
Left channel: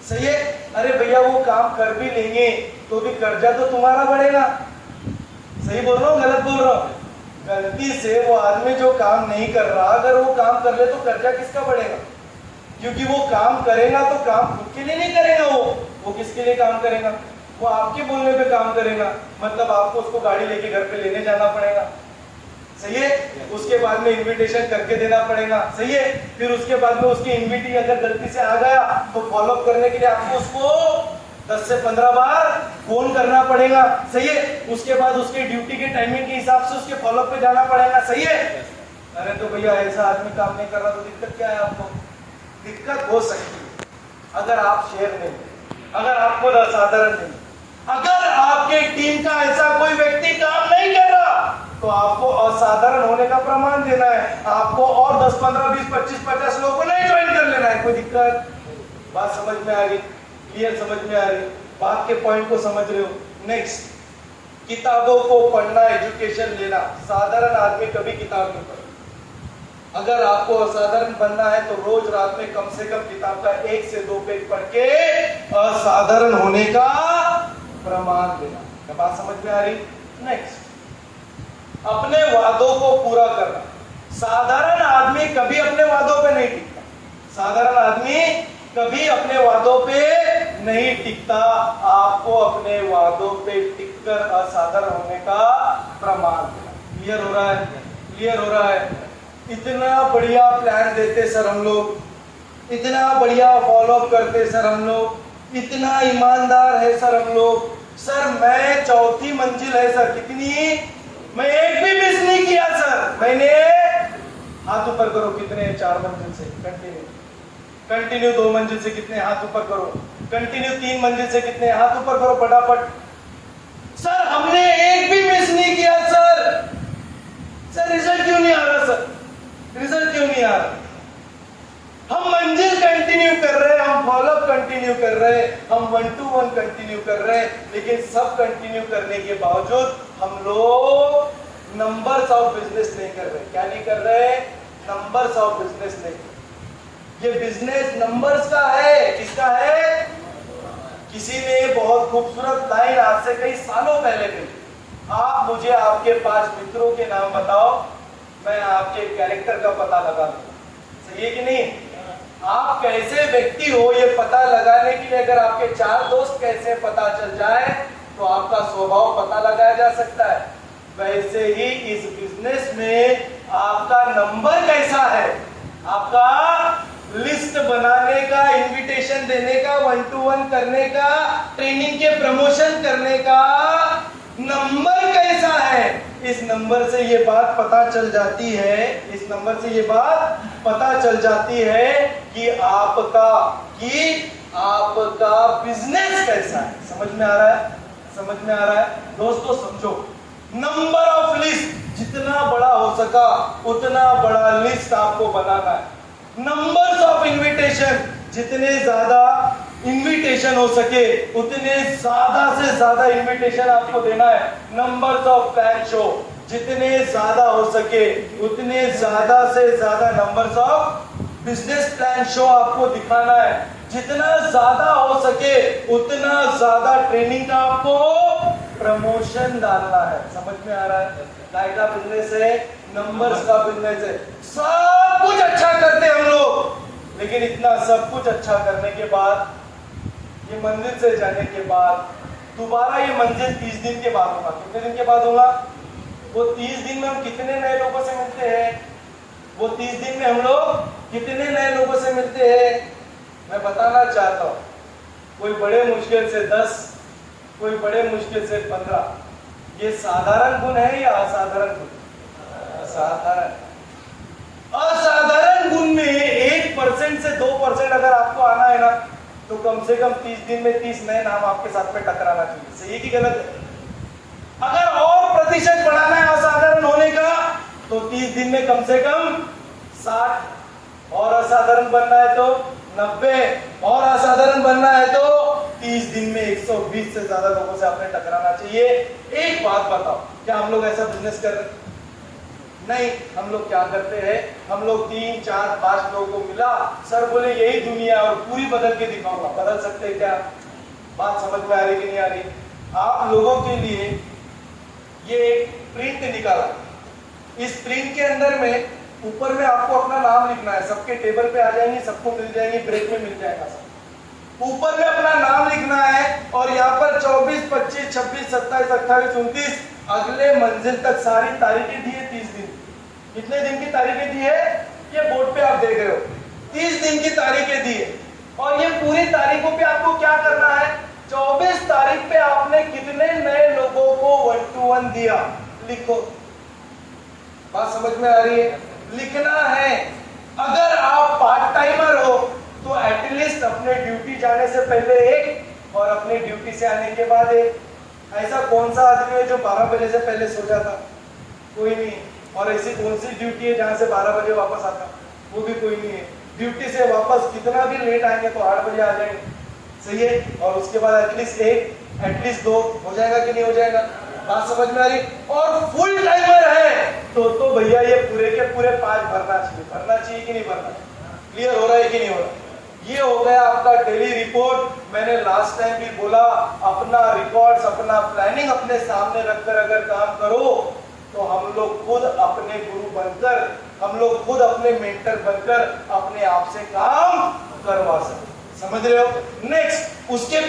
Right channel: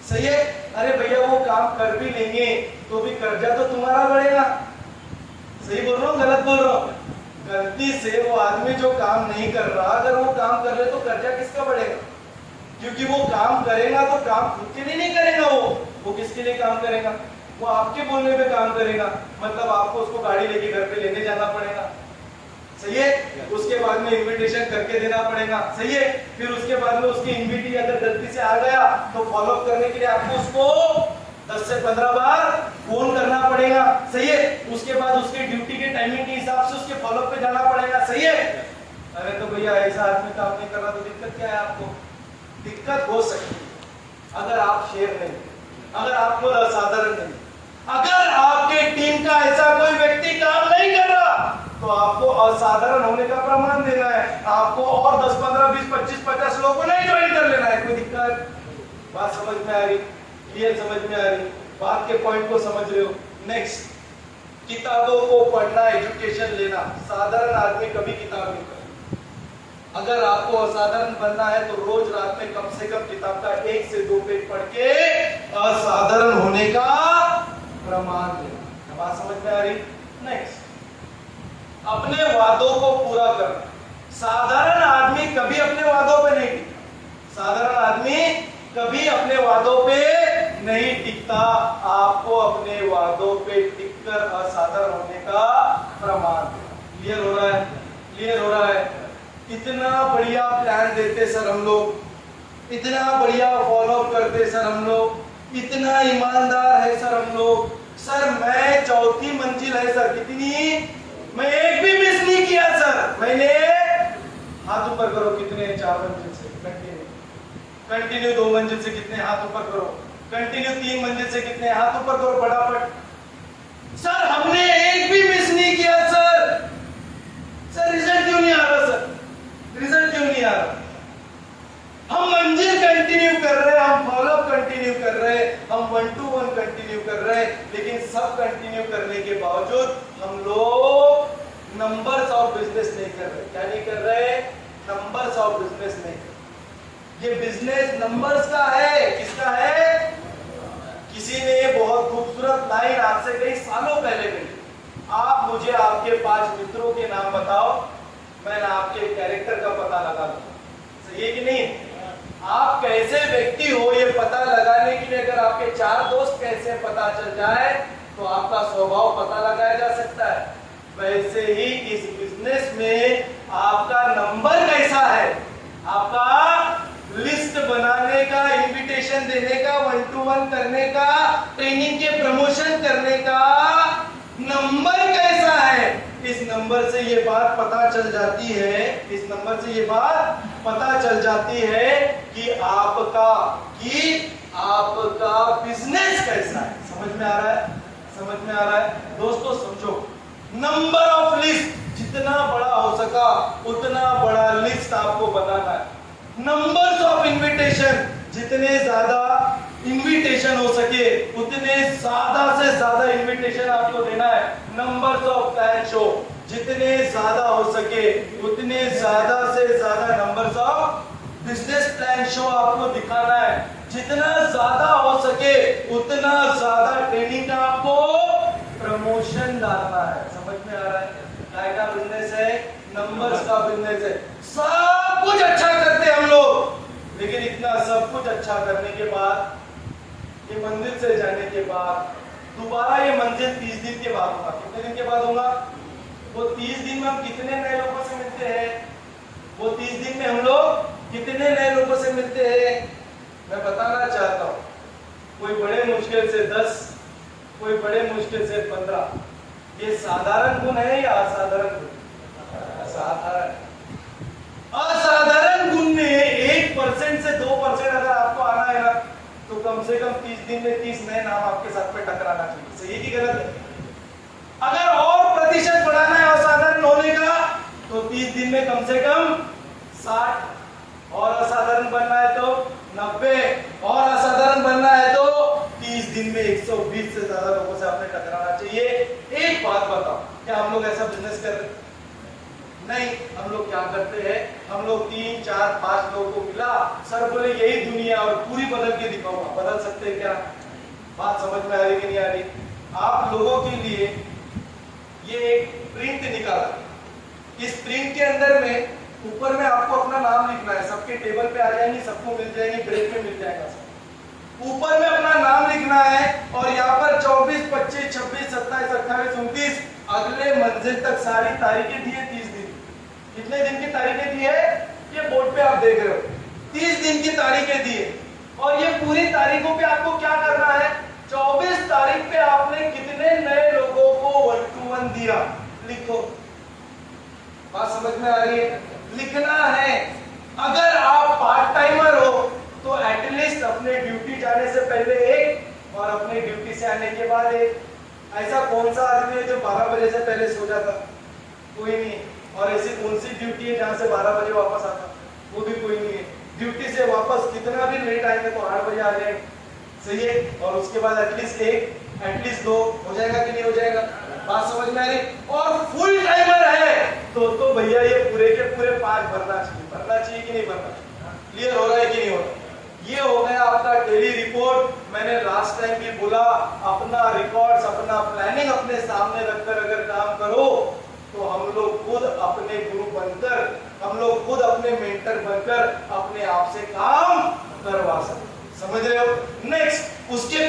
सही है। अरे भैया वो काम कर भी लेंगे तो भी कर्जा तो तुम्हारा बढ़ेगा। सही बोल रहा हूँ गलत बोल रहा हूँ? गलती से वो आदमी जो काम नहीं कर रहा, अगर वो काम कर ले तो कर्जा किसका बढ़ेगा? क्योंकि वो काम करेगा तो काम खुद के लिए नहीं करेगा, वो किसके लिए काम करेगा? वो आपके बोलने पे काम करेगा, मतलब आपको उसको गाड़ी लेके घर पे लेने जाना पड़ेगा, सही है। उसके बाद में इनविटेशन करके देना पड़ेगा, सही है। फिर उसके बाद में उसकी इनविटी अगर गलती से आ गया तो फॉलोअप करने के लिए आपको उसको 10 से 15 बार फोन करना पड़ेगा, सही है। उसके बाद उसके ड्यूटी के टाइमिंग के हिसाब से उसके फॉलोअप पे जाना पड़ेगा, सही है। अरे तो भैया ऐसा आदमी काम नहीं कर रहा तो दिक्कत क्या है? आपको दिक्कत हो सकती है अगर आप शेर नहीं, अगर आप खुद असाधारण नहीं, अगर आपके टीम का ऐसा कोई व्यक्ति काम नहीं कर रहा तो आपको असाधारण होने का प्रमाण देना है। आपको और 10, 15, 20, 25, 50 लोगों को नहीं ज्वाइन कर लेना है। कोई दिक्कत? बात समझ में आ रही? क्लियर समझ में आ रही? बात के पॉइंट को समझ रहे हो? नेक्स्ट, किताबों को पढ़ना, एजुकेशन लेना। साधारण आदमी कभी किताब नहीं पढ़ता। अगर आपको असाधारण बनना है तो रोज रात में कम से कम किताब का 1 से 2 पेज पढ़ के असाधारण होने का प्रमाण देना। बात समझ में आ रही? नेक्स्ट, अपने वादों को पूरा करना। साधारण आदमी कभी अपने वादों पे नहीं टिकता। साधारण आदमी कभी अपने वादों पे नहीं टिकता। आपको अपने वादों पे टिककर असाधारण होने का प्रमाण देना। क्लियर हो रहा है? क्लियर हो रहा है? इतना बढ़िया प्लान देते सर हम लोग, इतना बढ़िया फॉलोअप करते सर हम लोग, इतना ईमानदार है सर हम लोग। सर मैं 4थी मंजिल है सर, कितनी? मैं एक भी मिस नहीं किया सर। मैंने, हाथ ऊपर करो कितने? 4 मंजिल से कंटिन्यू 2 मंजिल से कितने? हाथ ऊपर करो। कंटिन्यू 3 मंजिल से कितने? हाथ ऊपर करो फटाफट। सर हमने एक भी मिस नहीं किया सर। सर रिजल्ट क्यों नहीं आ रहा? सर रिजल्ट क्यों नहीं आ रहा? हम मंजिल कंटिन्यू कर रहे हैं, हम फॉलोअप कंटिन्यू कर रहे हैं, हम 1 to 1 कंटिन्यू कर रहे हैं, लेकिन सब कंटिन्यू करने के बावजूद हम लोग नंबर्स ऑफ बिजनेस नहीं कर रहे। क्या नहीं कर रहे? नंबर्स ऑफ बिजनेस नहीं कर रहे। ये बिजनेस नंबर्स का है। किसका है? किसी ने बहुत खूबसूरत लाइन आज से कई सालों पहले कही, आप मुझे आपके 5 मित्रों के नाम बताओ, मैं आपके कैरेक्टर का पता लगा लूंगा। सही है कि नहीं? आप कैसे व्यक्ति हो ये पता लगाने के लिए अगर आपके 4 दोस्त कैसे पता चल जाए तो आपका स्वभाव पता लगाया जा सकता है। वैसे ही इस बिजनेस में आपका नंबर कैसा है, आपका लिस्ट बनाने का, इनविटेशन देने का, 1 to 1 करने का, ट्रेनिंग के प्रमोशन करने का नंबर कैसा है, इस नंबर से ये बात पता चल जाती है, इस नंबर से ये बात पता चल जाती है कि आपका बिजनेस कैसा है। समझ में आ रहा है? समझ में आ रहा है? दोस्तों समझो, नंबर ऑफ लिस्ट जितना बड़ा हो सका उतना बड़ा लिस्ट आपको बनाना है। नंबर्स ऑफ इनविटेशन, जितने ज्यादा इनविटेशन हो सके उतने ज्यादा से ज्यादा इनविटेशन आपको देना है। नंबर्स ऑफ फैन शो, जितने ज्यादा हो सके उतने ज्यादा से ज्यादा numbers of business plan show आपको दिखाना है। जितना ज्यादा हो सके उतना ज्यादा ट्रेनिंग का आपको प्रमोशन डालना है। समझ में आ रहा है? काय का बिजनेस है? नंबर्स का बिजनेस है। सब कुछ अच्छा करते हम लोग, लेकिन इतना सब कुछ अच्छा करने के बाद, ये मंजिल से जाने के बाद दोबारा ये मंजिल 30 दिन के बाद होगा। कितने दिन के बाद होगा? वो 30 दिन में हम कितने नए लोगों से मिलते हैं? वो 30 दिन में हम लोग कितने नए लोगों से मिलते हैं? मैं बताना चाहता हूँ, कोई बड़े मुश्किल से 10, कोई बड़े मुश्किल से 15। ये साधारण गुण है या असाधारण गुण? असाधारण। असाधारण गुण में 1% से 2% अगर आपको आना है ना तो कम से कम 30 दिन में 30 नए नाम आपके साथ में टकराना चाहिए। सही की गलत है? अगर और प्रतिशत बढ़ाना है असाधारण होने का तो 30 दिन में कम से कम 60, और असाधारण बनना है तो 90, और असाधारण बनना है तो 30 दिन में 120 से ज्यादा लोगों से आपने टकराना चाहिए। एक बात बताओ, क्या हम लोग ऐसा बिजनेस कर रहे हैं? नहीं, हम लोग क्या करते हैं, हम लोग 3 4 5 लोगों को मिला, सर बोले यही दुनिया और पूरी बदल के दिखाऊंगा। बदल सकते हैं क्या? बात समझ में आ रही कि नहीं आ रही? आप लोगों के लिए ये एक प्रिंट निकाला, इस प्रिंट के अंदर में ऊपर में आपको अपना नाम लिखना है, सबके टेबल पे आ जाएंगे, सबको मिल जाएंगे, ब्रेक में मिल जाएगा सब। ऊपर में अपना नाम लिखना है और यहाँ पर 24 25 26 27 28 29 अगले मंजिल तक सारी तारीखें दी है। 30 दिन, कितने दिन की तारीखें दी है? ये बोर्ड पे आप देख रहे हो, 30 दिन की तारीखें दी है। और ये पूरी तारीखों पे आपको क्या करना है? 24 तारीख पे आपने कितने नए लोगों को 1 to 1 दिया, लिखो। बात समझ में आ रही है? लिखना है। अगर आप पार्ट टाइमर हो तो एटलीस्ट अपने ड्यूटी जाने से पहले एक और अपने ड्यूटी से आने के बाद एक। ऐसा कौन सा आदमी है जो 12 बजे से पहले सो जाता? कोई नहीं। और ऐसी कौन सी ड्यूटी है जहां से 12 बजे वापस आता? वो भी कोई नहीं है। ड्यूटी से वापस कितना भी लेट आएंगे तो 8 बजे आ जाएंगे, सही है। और उसके बाद एटलीस्ट एक, एटलीस्ट 2 हो जाएगा कि नहीं हो जाएगा? बात समझ में आ रही? और फुल टाइमर है तो भैया ये पूरे के पूरे 5 भरना चाहिए कि नहीं भरना? क्लियर हो रहा है कि नहीं हो रहा? ये हो गया आपका डेली रिपोर्ट। मैंने लास्ट टाइम भी बोला, अपना रिकॉर्ड्स, अपना प्लानिंग अपने सामने रखकर अगर काम करो तो हम लोग खुद अपने गुरु बनकर, हम लोग खुद अपने मेंटर बनकर अपने आप से काम करवा सकते। समझ रहे हो? नेक्स्ट, उसके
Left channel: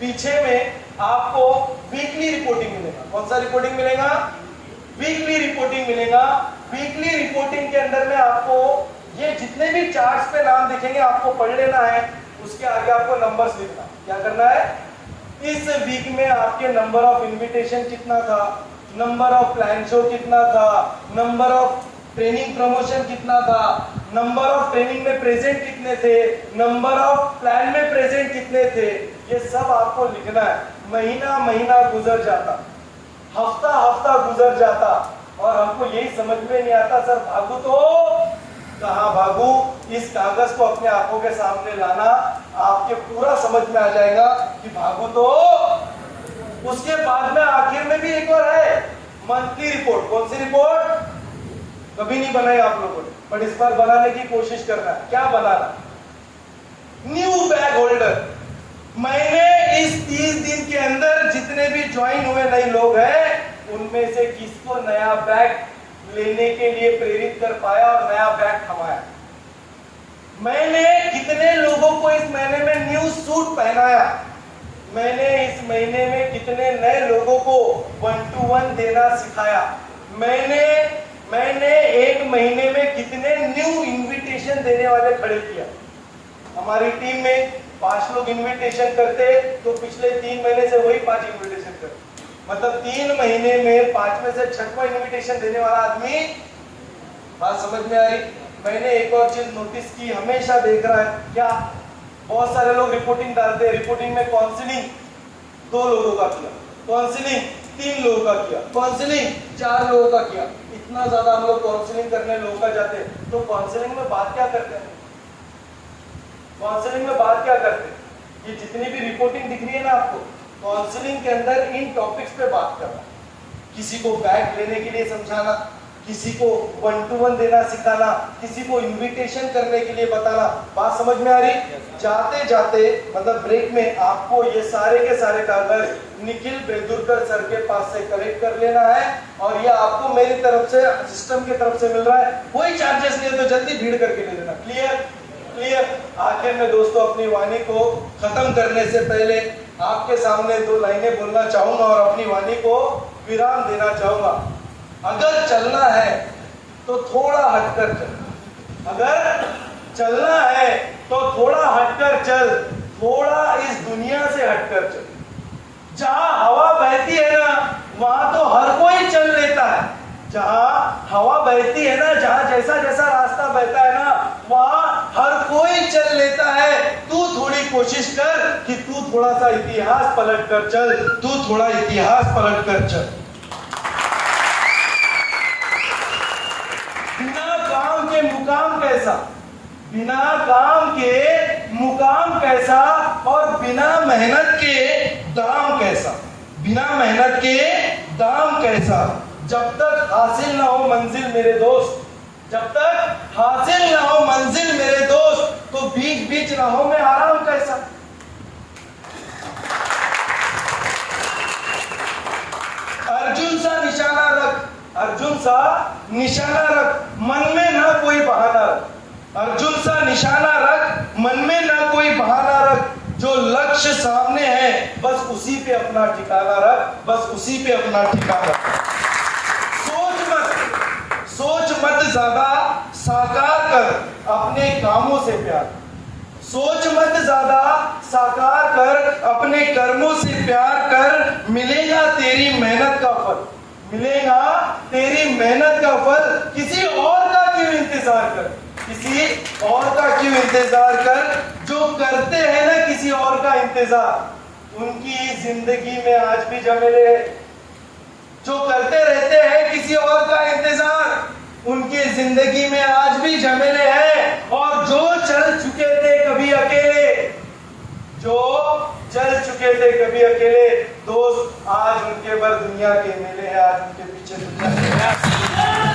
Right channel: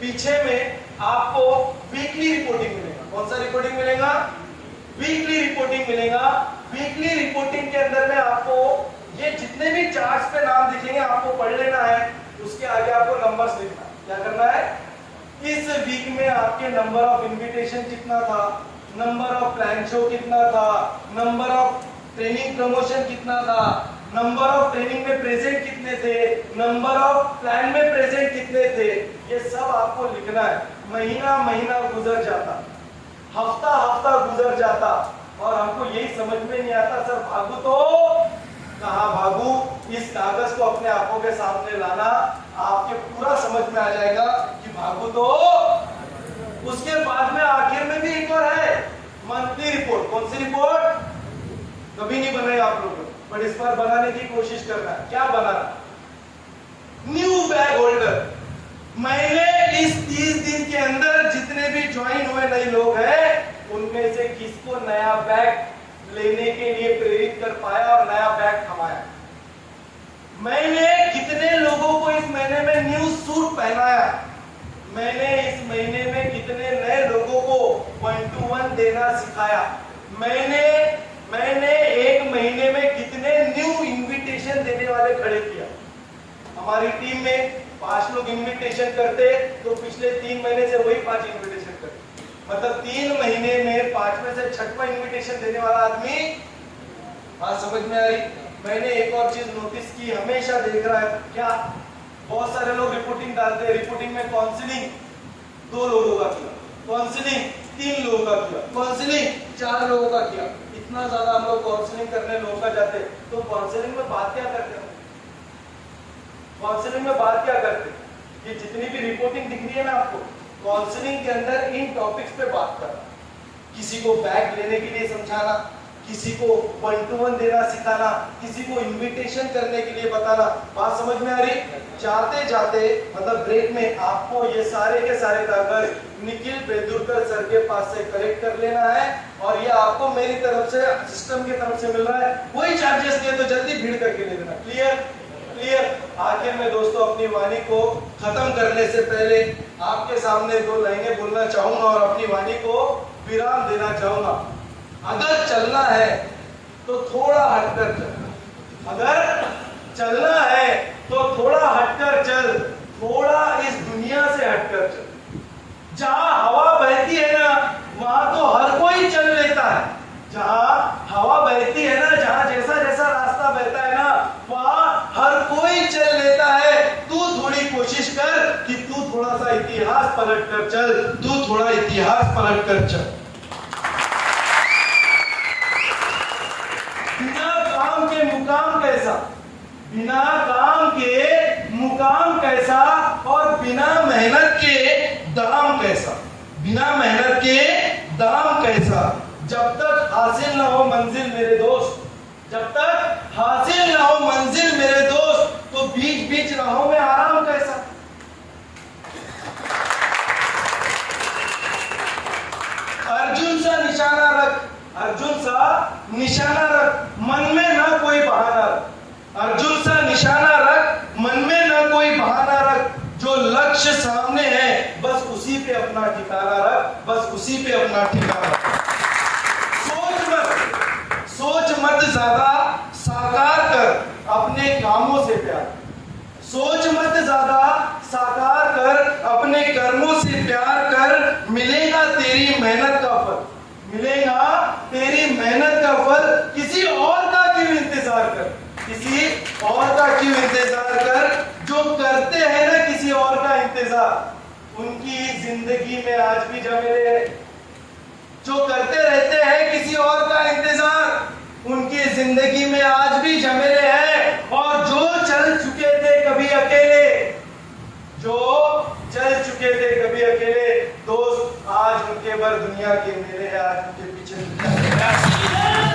पीछे में आपको वीकली रिपोर्टिंग मिलेगा। कौन सा रिपोर्टिंग मिलेगा? वीकली रिपोर्टिंग मिलेगा। वीकली रिपोर्टिंग के अंदर में आपको ये जितने भी चार्ट्स पे नाम दिखेंगे आपको पढ़ लेना है, उसके आगे आपको नंबर्स लिखना। क्या करना है? इस वीक में आपके नंबर ऑफ इनविटेशन कितना था, नंबर ऑफ प्लान शो कितना था, नंबर ऑफ ट्रेनिंग प्रमोशन कितना था, नंबर ऑफ ट्रेनिंग में प्रेजेंट कितने थे, नंबर ऑफ प्लान में प्रेजेंट कितने थे, ये सब आपको लिखना है। महीना महीना गुजर जाता, हफ्ता हफ्ता गुजर जाता और हमको यही समझ में नहीं आता, सर भागू तो कहाँ भागू? इस कागज को अपने आंखों के सामने लाना, आपके पूरा समझ में आ जाएगा कि भागू तो। उसके बाद में आखिर में भी एक और है, मंथली रिपोर्ट। कौन सी रिपोर्ट? कभी नहीं बनाई आप लोगों ने, पर इस पर बनाने की कोशिश करना। क्या बनाना? New bag holder. मैंने इस 30 दिन के अंदर जितने भी ज्वाइन हुए नए लोग हैं उनमें से किसको नया बैग लेने के लिए प्रेरित कर पाया और नया बैग कमाया? मैंने कितने लोगों को इस महीने में न्यू सूट पहनाया? मैंने इस महीने में कितने नए लोगों को 1 to 1 देना सिखाया? मैंने एक महीने में कितने न्यू इनविटेशन देने वाले खड़े किया? हमारी टीम में 5 लोग इनविटेशन करते तो पिछले 3 महीने से वही 5 इनविटेशन करते, मतलब 3 महीने में 5 में से 6वां इनविटेशन देने वाला आदमी। बात समझ में आ रही? मैंने एक और चीज नोटिस की, हमेशा देख रहा है क्या, बहुत सारे लोग रिपोर्टिंग डालते हैं, रिपोर्टिंग में काउंसलिंग 2 लोगों का किया, काउंसलिंग 3 लोगों का किया, काउंसलिंग 4 लोगों का किया। इतना ज्यादा हम लोग काउंसलिंग करने लोगों का जाते तो काउंसलिंग में बात क्या करते हैं? काउंसलिंग में बात क्या करते हैं? ये जितनी भी रिपोर्टिंग दिख रही है ना आपको, काउंसलिंग के अंदर इन टॉपिक्स पे बात करना, किसी को बैग लेने के लिए समझाना, किसी को 1 to 1 देना सिखाना, किसी को इनविटेशन करने के लिए बताना। बात समझ में आ रही? जाते जाते मतलब ब्रेक में आपको ये सारे के सारे कागज निखिल बेदुरकर सर के पास से कलेक्ट कर लेना है और ये आपको मेरी तरफ से, सिस्टम की तरफ से मिल रहा है। वही चार्जेस ले तो जल्दी भीड़ करके ले लेना। क्लियर? आखिर में दोस्तों अपनी वाणी को खत्म करने से पहले आपके सामने 2 लाइनें बोलना चाहूंगा और अपनी वाणी को विराम देना चाहूंगा। अगर चलना है तो थोड़ा हटकर चल, अगर चलना है तो थोड़ा हटकर चल, थोड़ा इस दुनिया से हटकर चल। जहां हवा बहती है ना वहां तो हर कोई चल लेता है, जहां हवा बहती है ना, जहां जैसा जैसा रास्ता बहता है ना वहां हर कोई चल लेता है। तू थोड़ी कोशिश कर कि तू थोड़ा सा इतिहास पलट कर चल, तू थोड़ा इतिहास पलट कर चल। बिना काम के मुकाम कैसा, बिना काम के मुकाम कैसा और बिना मेहनत के दाम कैसा, बिना मेहनत के दाम कैसा। जब तक हासिल ना हो मंजिल मेरे दोस्त, जब तक हासिल ना हो मंजिल मेरे दोस्त, तो बीच बीच राहों में आराम कैसा। अर्जुन सा निशाना रख, अर्जुन सा निशाना रख, मन में ना कोई बहाना रख। अर्जुन सा निशाना रख, मन में ना कोई बहाना रख। जो लक्ष्य सामने है बस उसी पे अपना ठिकाना रख, बस उसी पे अपना ठिकाना रख। सोच मत ज्यादा, साकार कर अपने कामों से प्यार। सोच मत ज्यादा, साकार कर अपने कर्मों से प्यार कर। मिलेगा तेरी मेहनत का फल, मिलेगा तेरी मेहनत का फल। किसी और का क्यों इंतजार कर, किसी और का क्यों इंतजार कर। जो करते हैं ना किसी और का इंतजार, उनकी जिंदगी में आज भी झमेले। जो करते रहते हैं किसी और का इंतजार, उनकी जिंदगी में आज भी झमेले हैं। और जो चल चुके थे कभी अकेले, जो चल चुके थे कभी अकेले दोस्त, आज उनके भर दुनिया के मेले हैं, आज उनके पीछे दुनिया के